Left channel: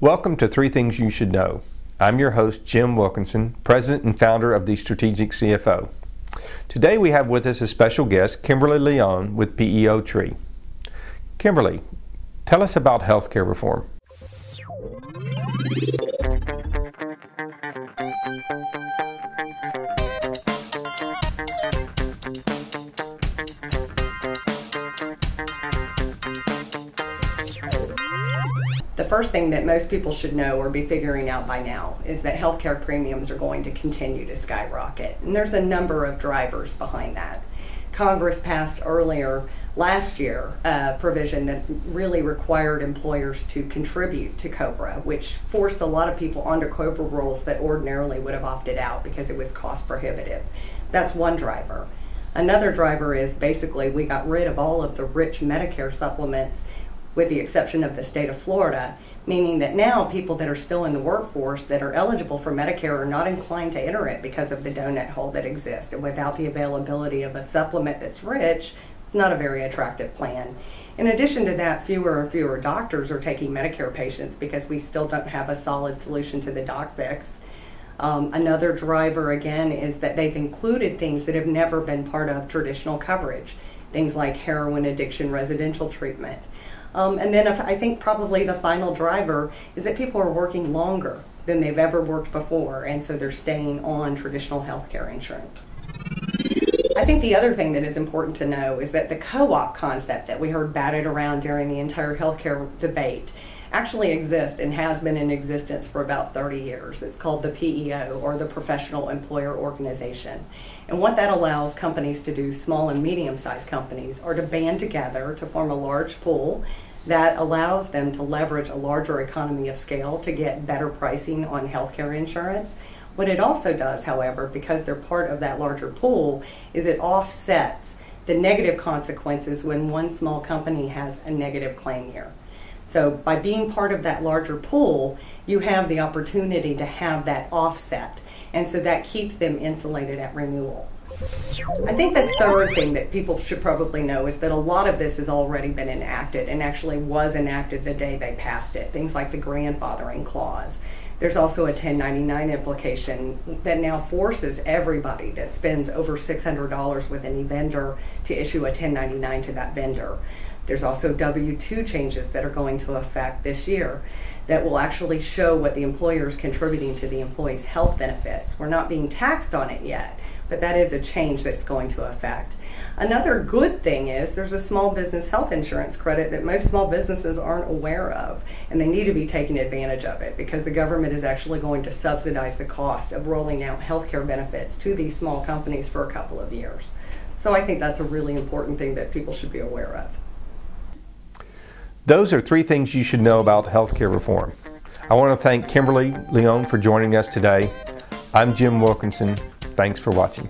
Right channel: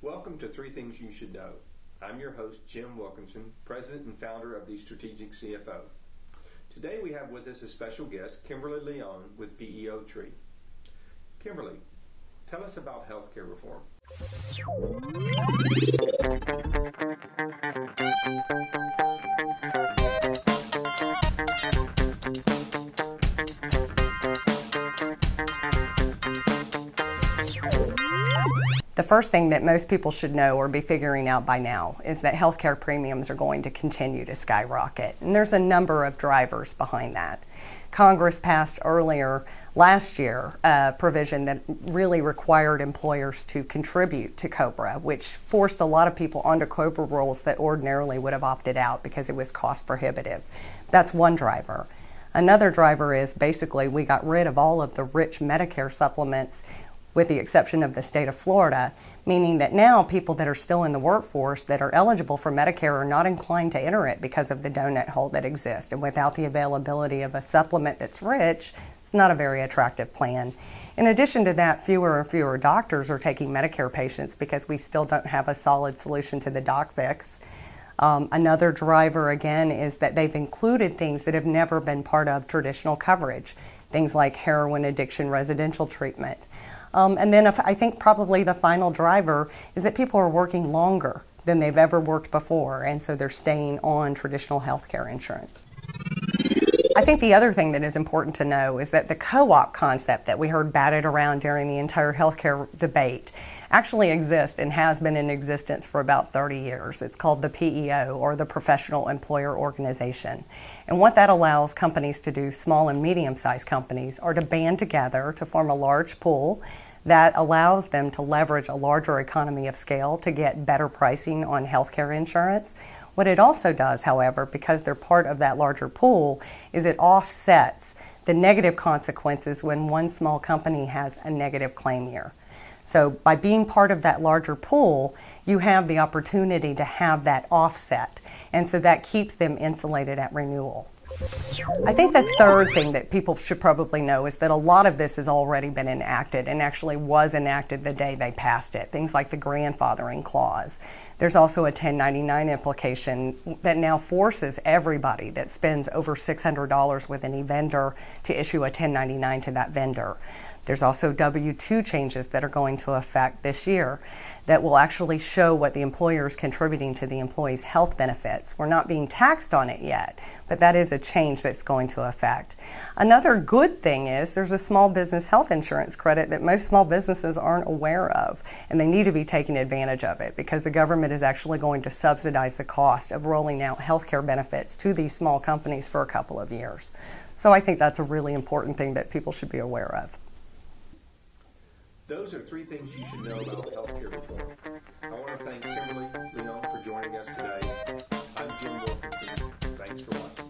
Welcome to Three Things You Should Know. I'm your host, Jim Wilkinson, President and founder of the Strategic CFO. Today we have with us a special guest, Kimberly Leon with PEO Tree. Kimberly, tell us about healthcare reform. The first thing that most people should know or be figuring out by now is that healthcare premiums are going to continue to skyrocket. And there's a number of drivers behind that. Congress passed earlier last year a provision that really required employers to contribute to COBRA, which forced a lot of people onto COBRA rules that ordinarily would have opted out because it was cost prohibitive. That's one driver. Another driver is basically we got rid of all of the rich Medicare supplements with the exception of the state of Florida, meaning that now people that are still in the workforce that are eligible for Medicare are not inclined to enter it because of the donut hole that exists. And without the availability of a supplement that's rich, it's not a very attractive plan. In addition to that, fewer and fewer doctors are taking Medicare patients because we still don't have a solid solution to the doc fix. Another driver, again, is that they've included things that have never been part of traditional coverage, things like heroin addiction residential treatment. And then I think probably the final driver is that people are working longer than they've ever worked before, and so they're staying on traditional health care insurance. I think the other thing that is important to know is that the co-op concept that we heard batted around during the entire healthcare debate actually exists and has been in existence for about 30 years. It's called the PEO, or the Professional Employer Organization. And what that allows companies to do, small and medium-sized companies, are to band together to form a large pool that allows them to leverage a larger economy of scale to get better pricing on healthcare insurance. What it also does, however, because they're part of that larger pool, is it offsets the negative consequences when one small company has a negative claim year. So by being part of that larger pool, you have the opportunity to have that offset, and so that keeps them insulated at renewal. I think the third thing that people should probably know is that a lot of this has already been enacted and actually was enacted the day they passed it, things like the grandfathering clause. There's also a 1099 implication that now forces everybody that spends over $600 with any vendor to issue a 1099 to that vendor. There's also W-2 changes that are going to affect this year that will actually show what the employer is contributing to the employee's health benefits. We're not being taxed on it yet, but that is a change that's going to affect. Another good thing is there's a small business health insurance credit that most small businesses aren't aware of, and they need to be taking advantage of it because the government is actually going to subsidize the cost of rolling out healthcare benefits to these small companies for a couple of years. So I think that's a really important thing that people should be aware of. Those are three things you should know about healthcare reform. I want to thank Kimberly Leon for joining us today. I'm Jim Wilkinson. Thanks for watching.